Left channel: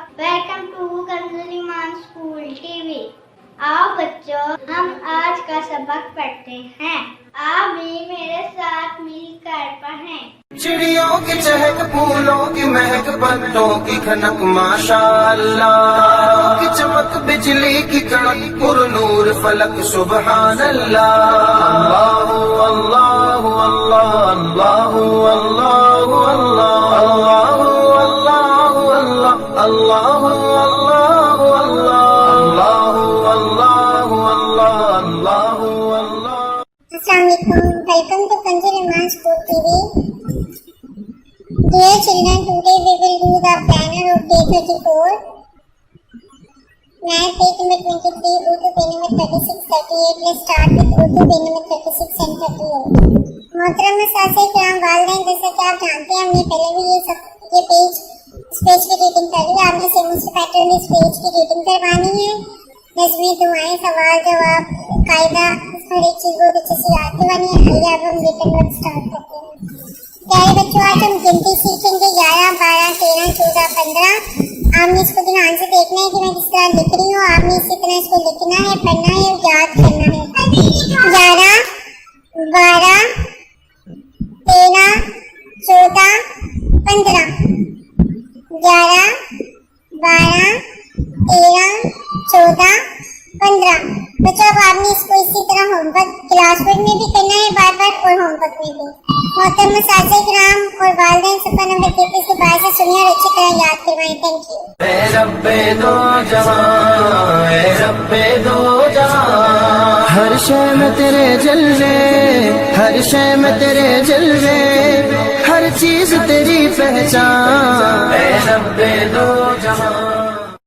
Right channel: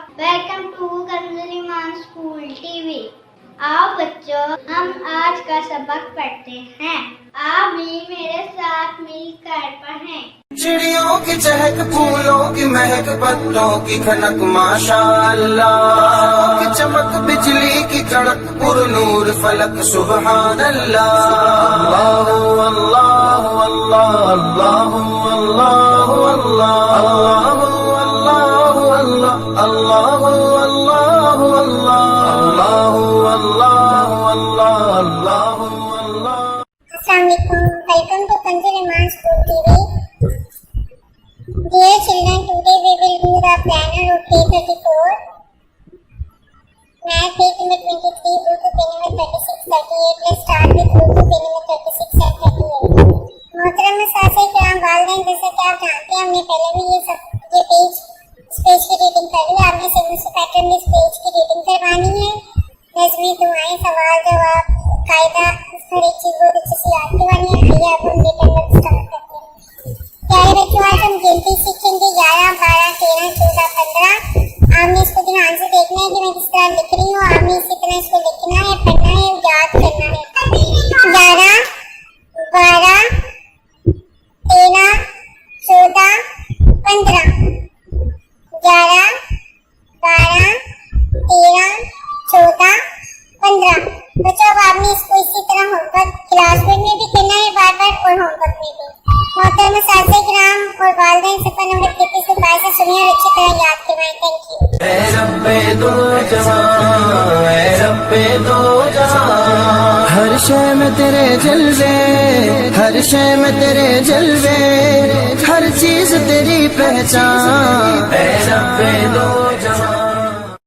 Welcome to Kanzul Iman school TV. आओ बच्चों, हम आज का सबक पढ़ते हैं। आप भी मेरे साथ मिलकर पढ़ें। चिड़ियों की चहक, फूलों की महक, पत्तों की खनक, माशाअल्लाह की चमक, बिजली की कड़क, पुरनूर फलक, सुबहान अल्लाह। अल्लाह अल्लाह अल्लाह अल्लाह अल्लाह अल्लाह अल्लाह अल्लाह अल्लाह अल्लाह अल्लाह अल्लाह। Welcome to Kanjal Iman School TV. Dear children, today we will do the planner of day 34. Math page number 23, Urdu page number 36, 38. Let's start with Urdu page number 36 and 38. मोहतरम सासे कराम वालिदैन, जैसा कि आप जानते हैं हमने पहले भी ये पेज इस पेज की रीडिंग कर ली। हमने सिंगल से पैटर्न में इस पेज की रीडिंग करवानी है। नज़में, दुआएं, सवाल जवाब, कायदा, इस पर एक चीज बहुत अच्छी सी याद करवानी है। आइए अब हम रिटन वर्क स्टार्ट करते हैं। प्यारे बच्चों, आज हम गिनती सीखेंगे 11, 12, 13, 14, 15। आपने इसको ध्यान से देखना है कि मैं किस तरह लिख रही हूँ। आपने इसी तरह इसको लिखना है, पढ़ना है, याद करना है। 11, 12, 13, 14, 15। 11, 12, 13, 14, 15। बच्चों, अब आपने इसको इसी तरह होमवर्क क्लासवर्क में भी करना है, बार बार, और होमवर्क में भी। मोहतरम सासे किराम और वालिदैन सफर नंबर 33 के बाद से सुनिए और अच्छी तरह याद करवाएं। Thank you. ऐ रब्बे दो जहां, ऐ रब्बे दो जहां, हर शय में तेरे जलवे, हर शय में तेरे जलवे, हर चीज तेरी पहचान। ऐ रब्बे दो जहां।